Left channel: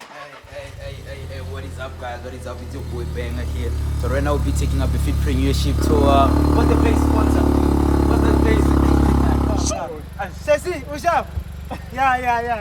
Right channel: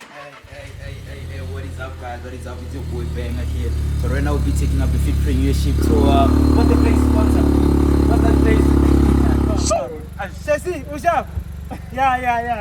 Hey, what is up, guys? What is up? It's your boy Banger here. So right now we'll be taking up the Fit Premiership tour. What's the place sponsor? What's that place? Sassy, what's up? Yeah.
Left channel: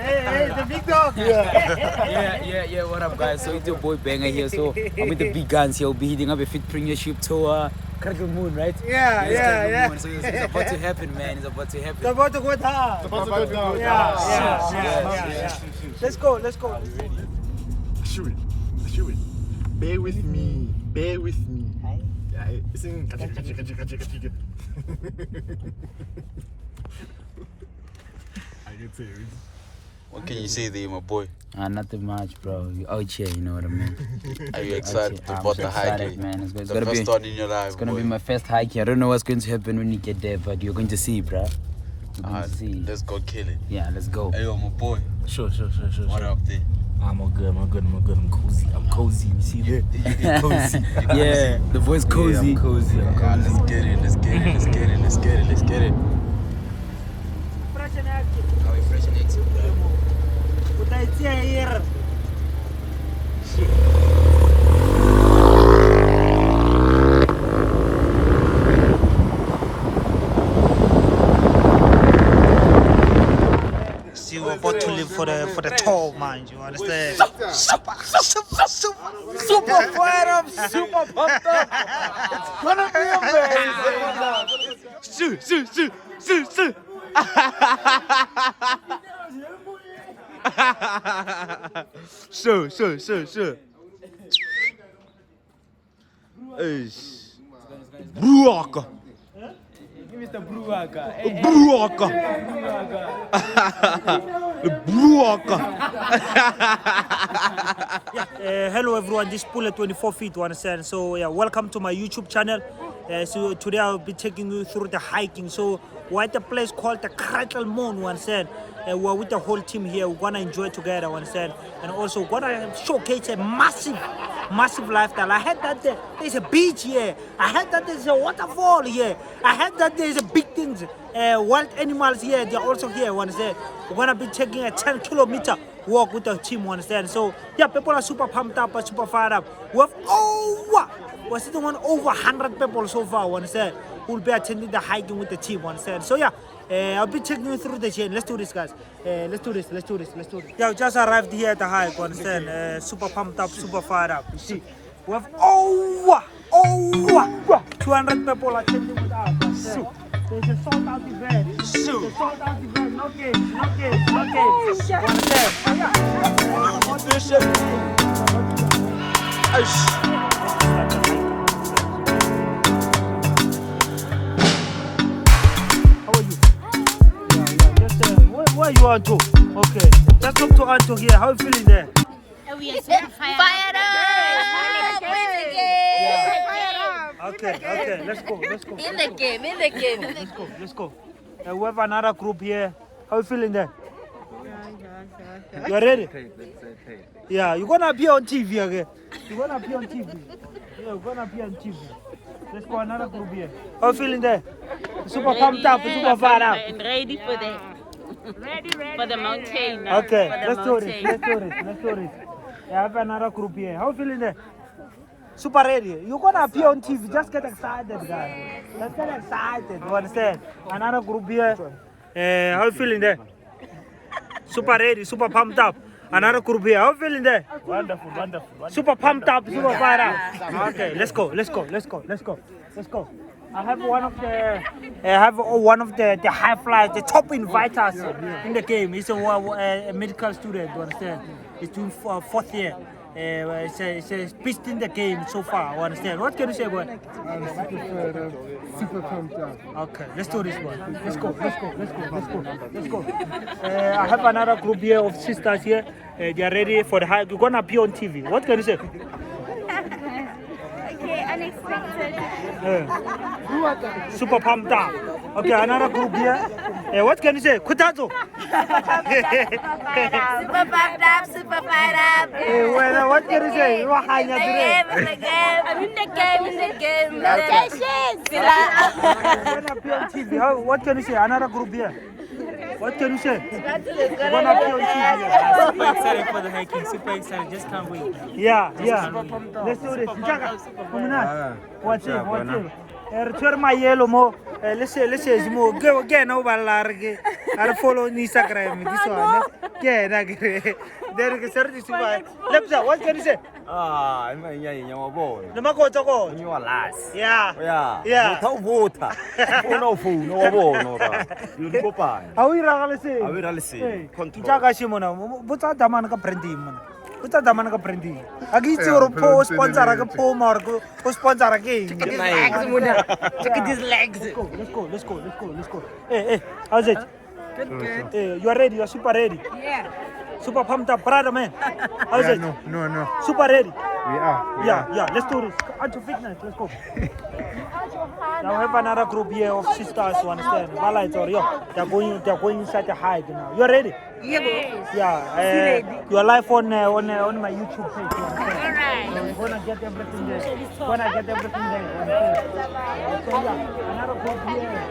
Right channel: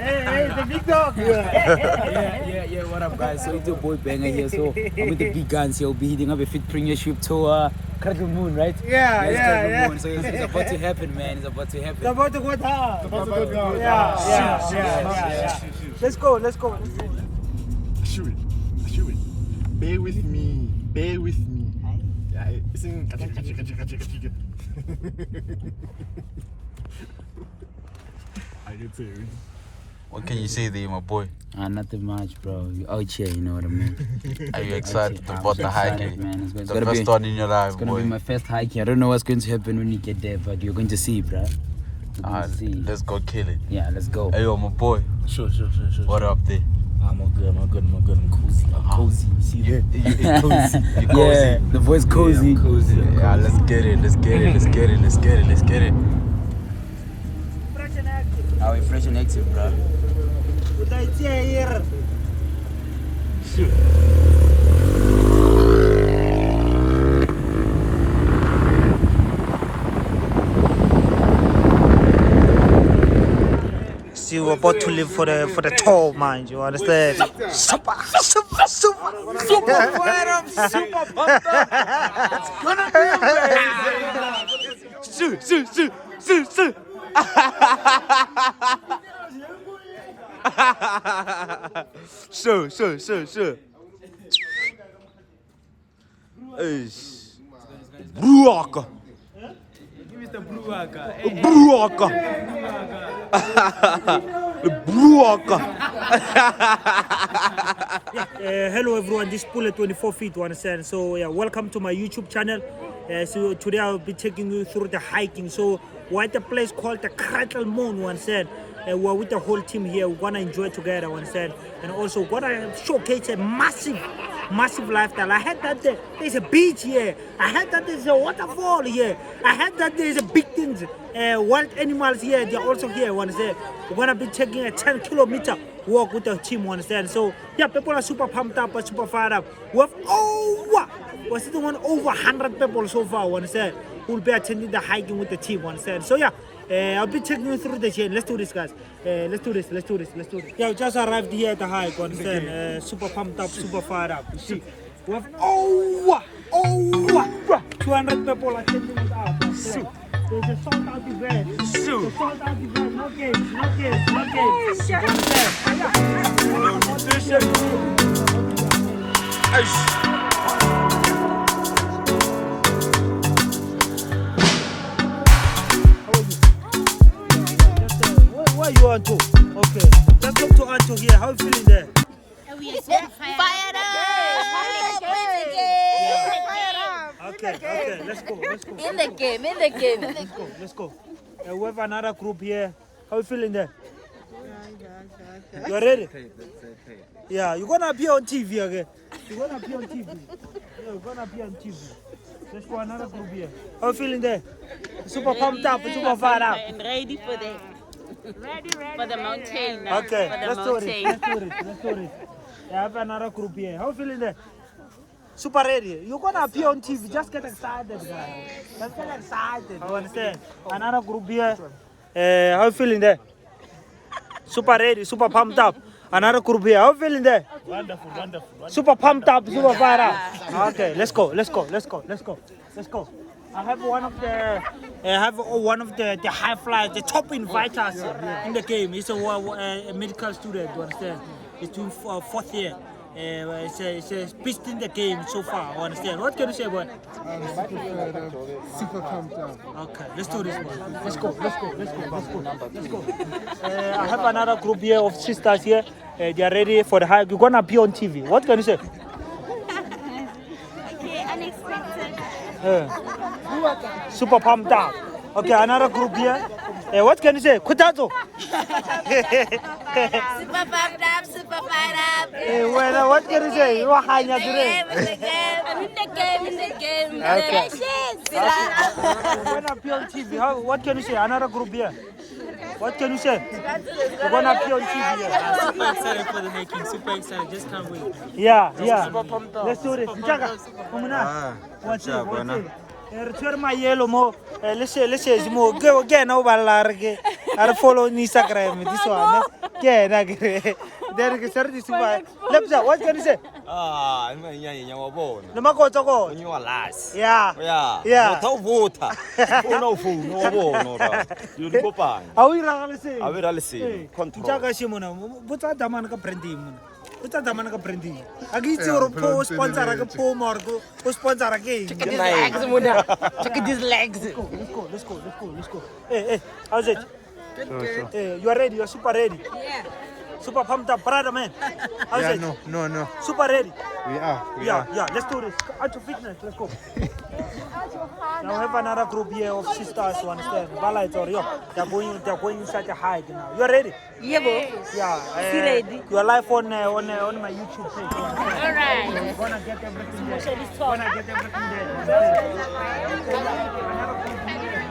Hey, the big dog. Yeah. What up, guys? So it's your boy Banger here. So I'm with the big guns here. We'll be hitting up a Fit Premiership tour. Cradlemoon, right? Yeah. So it's about to happen, man. It's about to happen. It's about to go down. Yeah. Let's go. Shoot it. Bear with me. Yeah, it's in. I get serious. What can you say there, my boy? Nothing much, bro. You out here, you know what I mean? Are you excited I'm about the hike? excited, man. It's The gonna first be. one in your life, It's gonna boy. be my first hike here. I don't know what's going to happen when you get there, but you're going to see, bro. You're going to see. Let's go kill it. Yeah, let's go. Hey, yo, my boy. Sure. What up there? I'm all good. I'm cozy. You see that? Cozy. Yeah, the voice cozy. Yeah, I'm cozy. Yeah, let's get it. Fresh and active. How we fresh and active, bro. What I say here? Shit. See, we're about to live for the toll, man. You understand? Super fired up, super pumped up. It's gonna be amazing. Shoot. So. Hey. Bruaka. Hello everyone, this is Pull at 24 feet, you understand? So yeah, welcome to my YouTube channel. So today I'll be taking you through the hiking. So we're at a place called the Cradlemoon, you understand? We're with the whole team here. We're gonna enjoy together, you understand? And also we're gonna showcase a massive lifestyle. I heard that there's a beach here. I heard that there's a waterfall here. I heard that there's a big things. Wild animals here, they're also here, you understand? We're gonna be taking a 10-kilometer walk with the team, you understand? So yeah, people are super pumped up, super fired up. We're sitting on over 100 people so far, you understand? Who'll be attending the hiking with the team, you understand? So yeah, I'll be taking you through the chain. Let's do this, guys. Let's do this. Yeah, we just arrived here at the hike, you understand? Super pumped up, super fired up. You see, we have over 200 people attending with us. You understand? There's a sold out event. No games. You understand? So yeah. Where you are to? Okay. Just talk to Anto here. How you feeling there? We are super fired up. Okay. Let's go. In the game. Let's go. We have another group here. How you feeling there? You ready? Yeah, you're gonna be on TV, okay? You're gonna be on TV. Let's go another group here. How you feeling there? Super pumped up, super fired up. And ready for the for the mountain. Okay, for the let's do it. I have another group here. How you feeling there? Super ready. You're gonna appear on TV. Just get excited, guys. Let's get excited. You understand? Another group here. How you feeling there? Super ready, super pumped up. Another group here. How you feeling there? Wonderful. Super pumped up, super fired up. Okay, let's go. I have one of the high flyers, the top inviters in the game. He's a medical student, you understand? He's doing fourth year. It's a beast in the game so far, you understand? What can you say, boy? I'm super fired up, super pumped up. Okay, let's do this one. Let's go. I have another group here of sisters here. They are ready for the hike. You're gonna be on TV. What can you say? Okay, unexpected. Super pumped up. Okay, another group here. What can you say? Kutazo. Super pumped up, super fired up. Well, what can you say? You are high In the game. I'm in the game. When I be on TV, what can you say? Another group here. What can you say? You're gonna appear on TV. Yeah. Super excited for the hiking. Super excited. Just can't wait. Yeah. Let's do this. Jaga, come on. What's it? Return my yellow mo. Let's say mo. Go again over large. I follow Instagram. This one. Yeah, there is a certain super. Let's what can you say? Ah, I'm a Namakota go. When you are last. Yeah. Yeah. Water. No food, no water. You go by. How we ragale say? I will see. Jaga shimona. Buta daman ka prendi mo. Buta daman ka prendi. Agi tsoro po sponsor ka po margo. Po sponsor ka. Check these legs, Muna. Check these legs. Let's go. Hey, how's it? Good. Hey, you are ready? You are super ready. Yeah. Super pumped up, brother, man. How's it? No. Super ready. We are. Yeah. Let's do this. Onto fitness. Let's go. Now we have another group here of sisters who understand. They're going inside the hike now. You ready? Yes. Yeah. Ready. You're live on my YouTube page. Alright. We're gonna get everything there. You understand? So yeah, another group here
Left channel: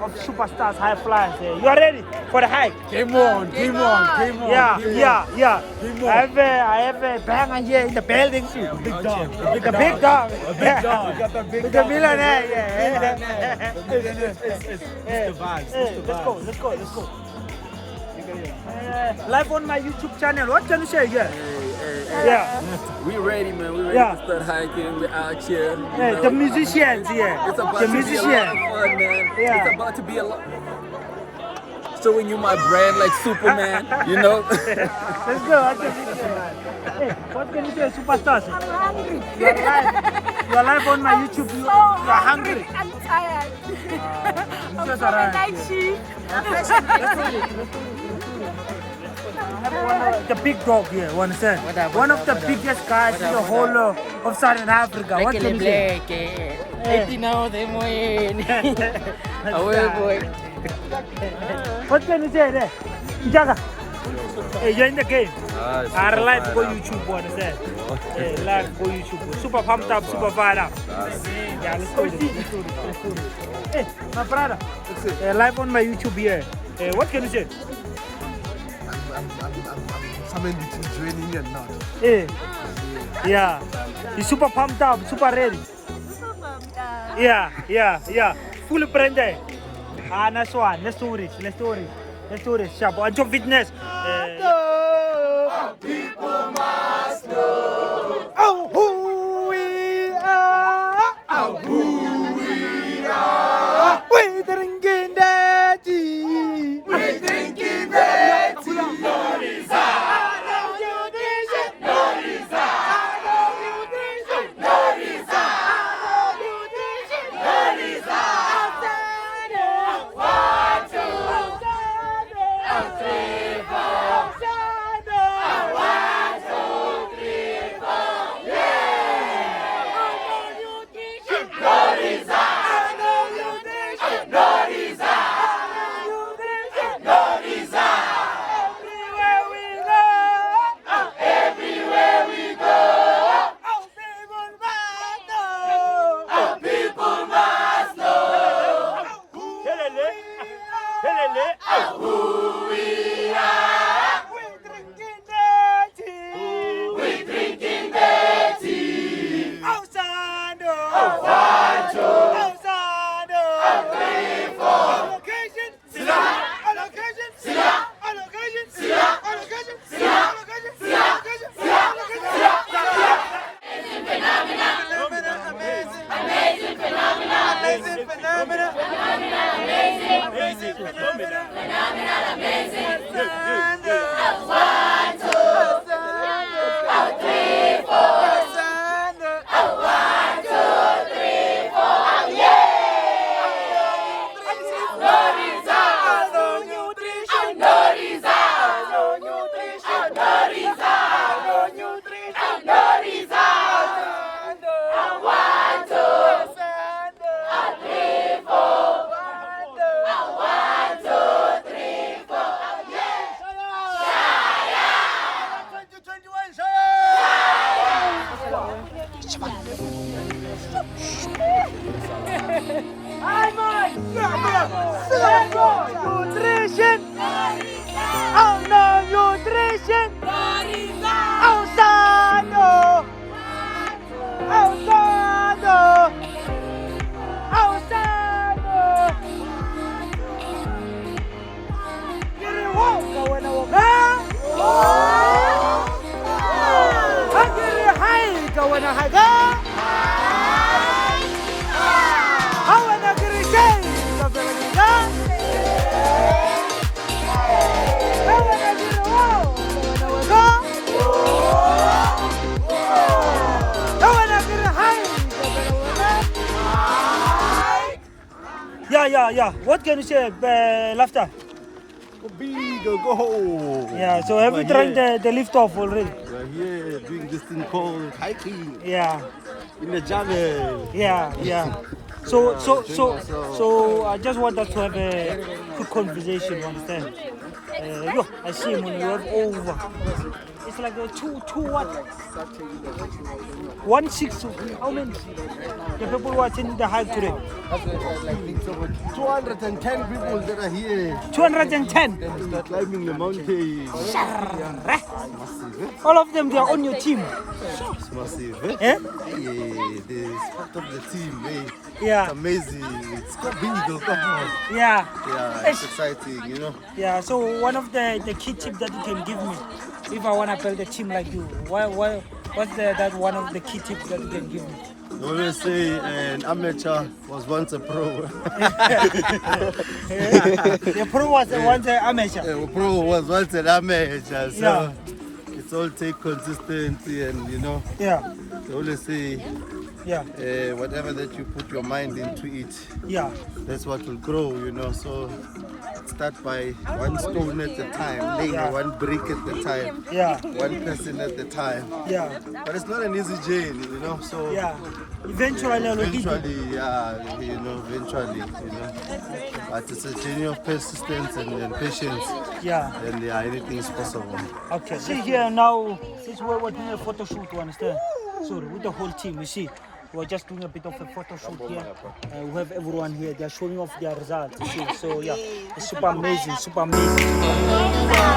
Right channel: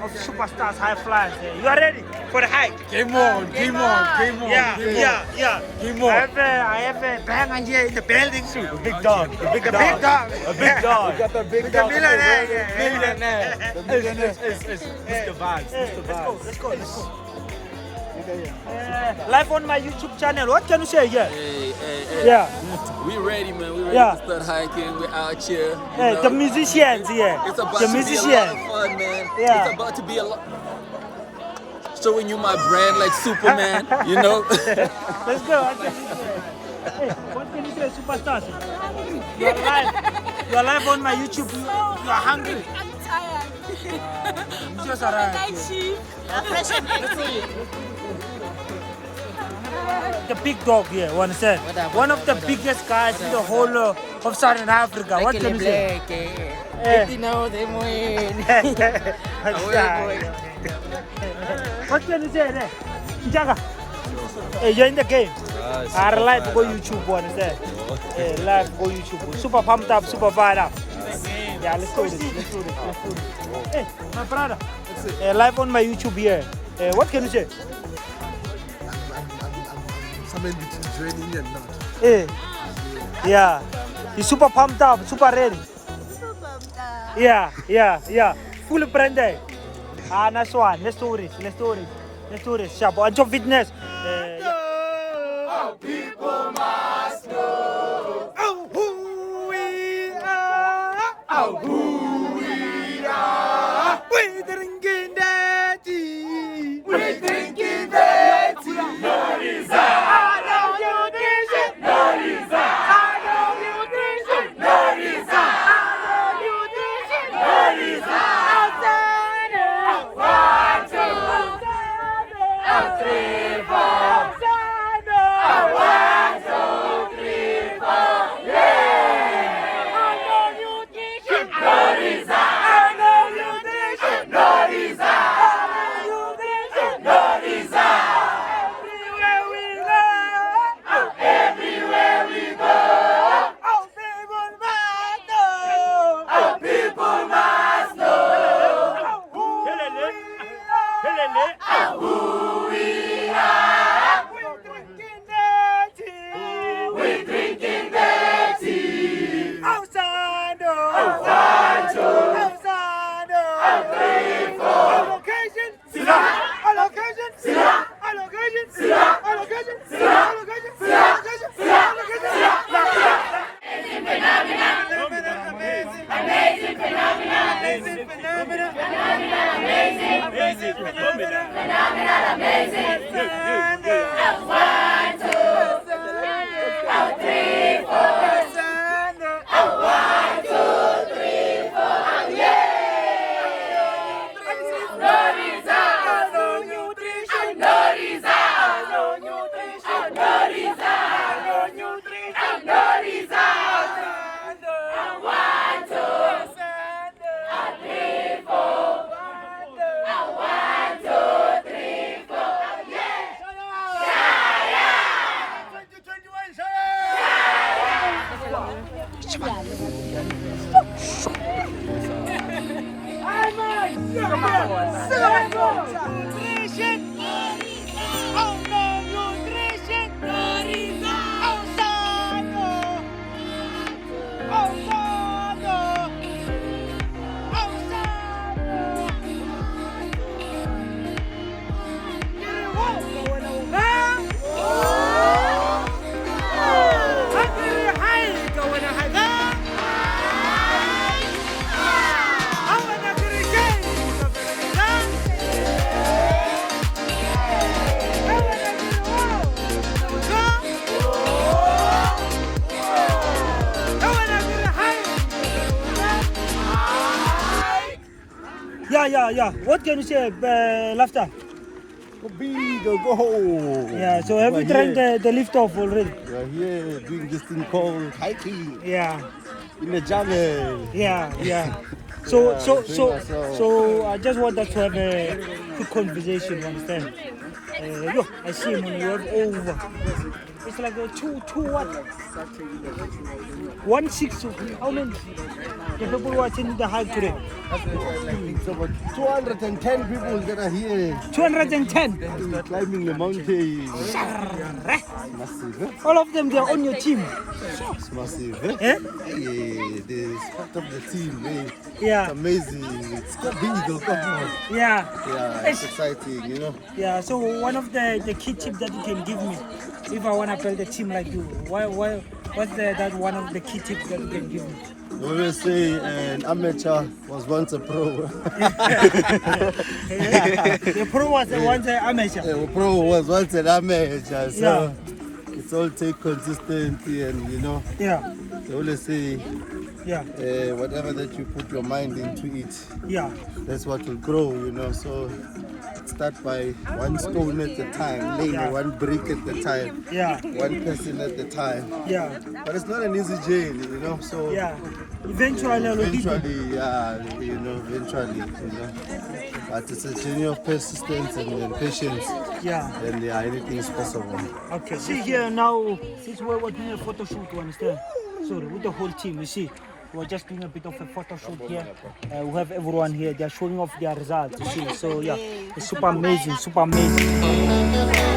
of superstars, high flyers. You are ready for the hike? Game on. Yeah. I have a banger here in the building. Big dog. Big dog. The millionaire. It's the vibes. Let's go. Live on my YouTube channel. What can you say here? Yeah. We ready, man. We ready Yeah. to start hiking. We're out here. Hey, the musicians here. It's about The to be a lot musicians. of fun, man. Yeah. It's about to be a lot. Showing you my brand like Superman, you know? Let's go. What can you say? Hey, what can you say, superstars? I'm hungry. You are live on my YouTube. You are hungry. I'm tired. You just arrived. Night shift. I have one of the big dog here, you understand? One of the biggest guys in the whole of Southern Africa. What can you say? What can you say there? Jaga. Hey, you're in the game. I like to go YouTube, you understand? Hey, live go YouTube. Super pumped up, super fired up. Yeah, let's do this. Hey, my brother. Live on my YouTube here. What can you say? I'm somewhere between joining and not. Hey. Yeah. He's super pumped up, super ready. Yeah. Full branded. Nice one. Let's do this. Sharp. On your fitness. People must know who we are. We're drinking that tea. No reason. I know you did. No reason. I know you did. No reason. I know you did. No reason. Outside. 1, 2, 3, 4. yeah. What can you say, Laughter? Go big, go. Yeah, so have you tried the lift off already? We're here doing this thing called hiking Yeah, in the jungle. yeah. So, Yeah, so, we're doing so, ourselves. so I just want us to have a quick conversation, you understand? Yo, I see him when you have over. It's like a two what? 160. How many? The people who are attending the hike today. It's about 210 people that are here 210. climbing the mountain. Massive, eh? All of them, they are on your team. It's massive, eh? Eh? Yeah, this part of the team, eh? It's Yeah, amazing. It's so big, oh, come on. yeah, Yeah, it's exciting, you know. yeah. So one of the key tips that you can give me, if I want to build a team like you, what's that one of the key tips that you can give me? We always say an amateur was once a pro. Yeah. The pro was once an amateur. A pro was once an amateur, so Yeah. it's all take consistency and you know, Yeah, they always say yeah, whatever that you put your mind into it, yeah, that's what will grow, you know. So start by one stone at a time, laying Yeah. one brick at a time, yeah, one person at a time. yeah, But it's not an easy journey, you know. So yeah. Eventually, I'll beat you. eventually, yeah, you know, eventually, you know. But it's a journey of persistence and patience, Yeah. and yeah, anything is possible. Okay. See here now, since we're doing a photo shoot, you understand? Sorry, with the whole team, you see. We're just doing a bit of a photo shoot here. We have everyone here. They're showing off their results. You see. So yeah, it's super amazing, super amazing.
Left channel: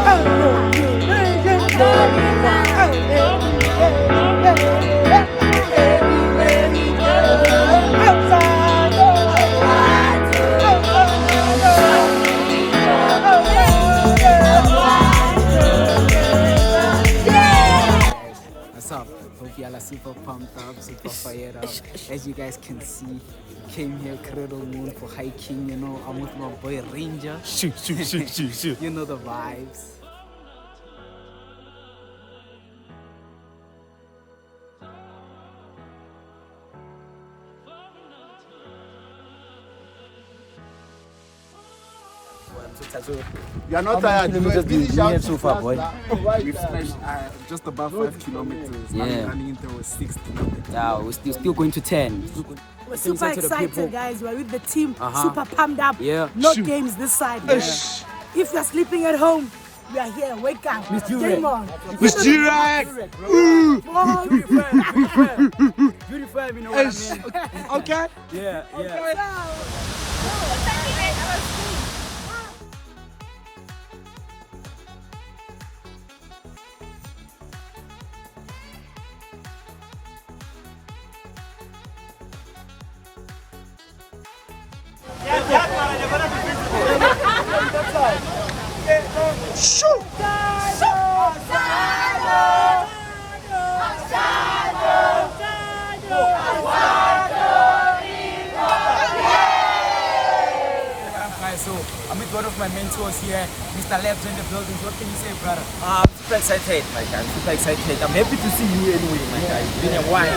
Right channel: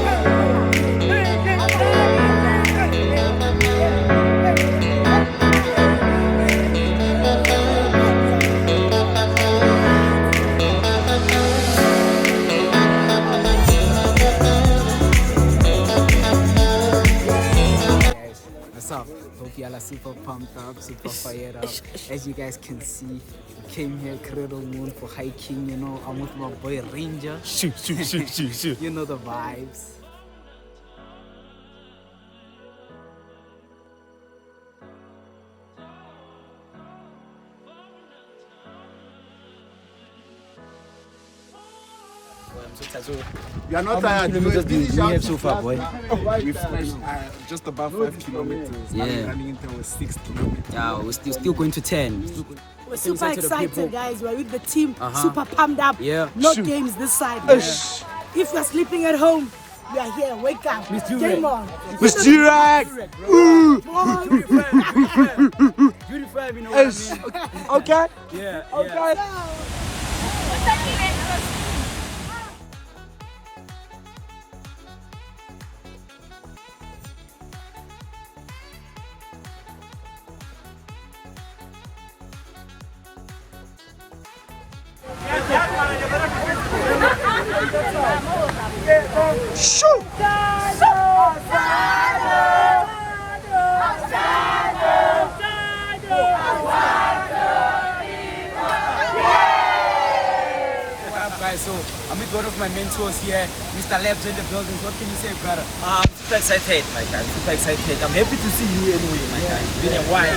What's up? Hope y'all are super pumped up, super fired up. As you guys can see, came here Cradlemoon for hiking, you know. I'm with my boy Ranger. Shoot. You know the vibes. You're not tired. Kilometers do you have so far, boy? We finished just about 5 kilometers. Yeah. Running into 6 kilometers. Yeah, we're still going to 10. We're super Inside to the people. excited, guys. We're with the team, super pumped up. Yeah. No games this side. man. If you're sleeping at home, we are here. Wake up. Game on. Mr. G-Rag! Beautiful, you know what I mean? Okay. Yeah, guys, so I'm with one of my mentors here, Mr. Labs in the building. What can you say, brother? I'm super excited, my guy. Super excited. I'm happy to see you anyway, my guy. It's been a while.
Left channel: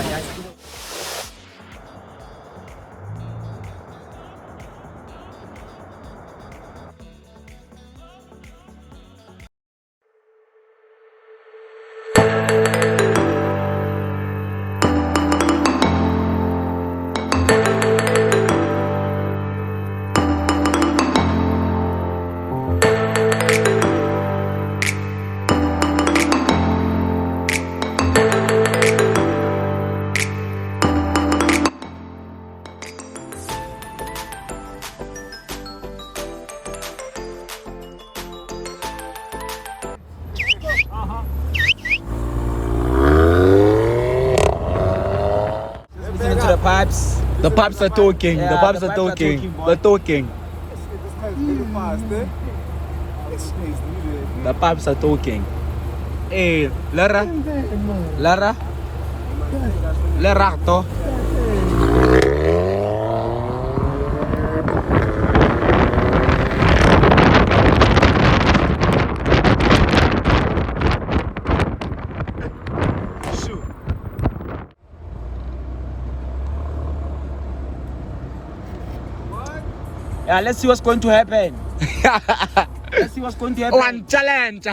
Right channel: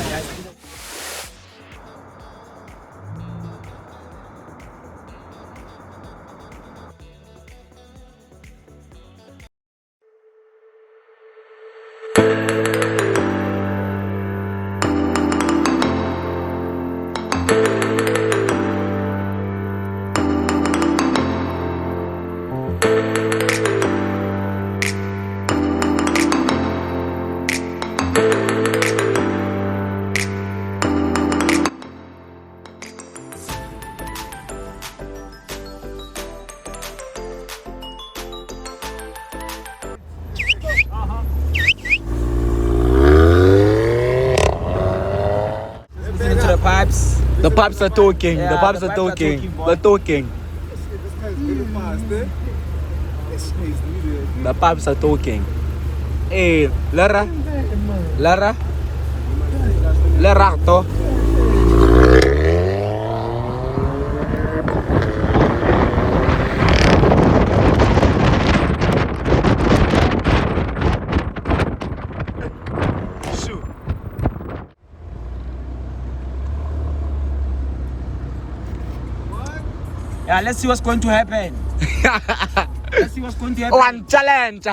The pipes. The pipes are talking. Yeah, the pipes the are pipes are talking. talking, boy. They're talking. The pipes are talking. Hey, Lara. Lerato. Yeah, let's see what's going to happen. Let's see what's going to happen. One challenge.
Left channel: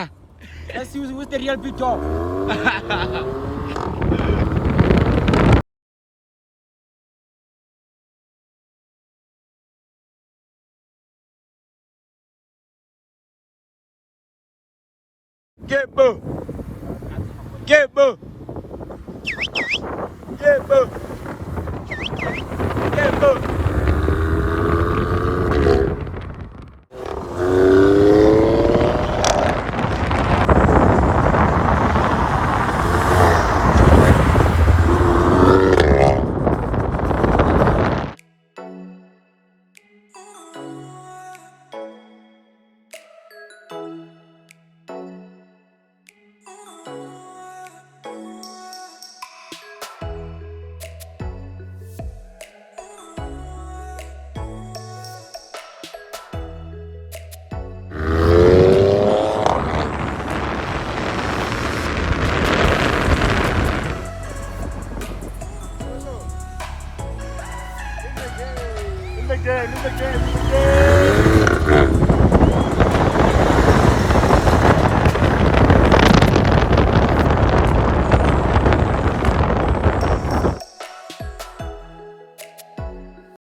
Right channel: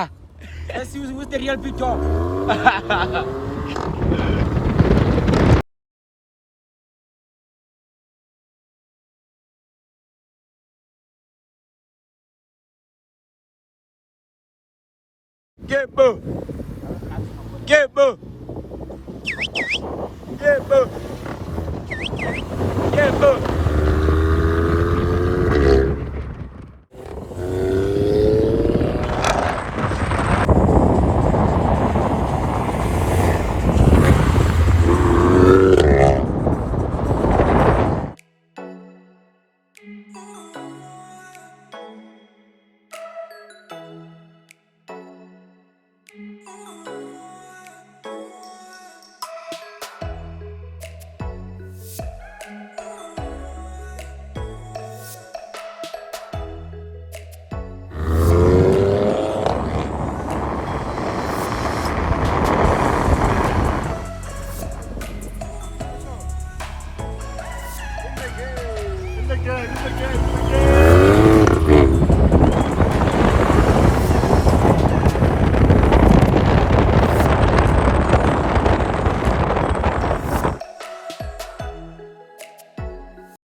Let's see who's the real big dog. Get boo. Get boo. Get boo. Get boo.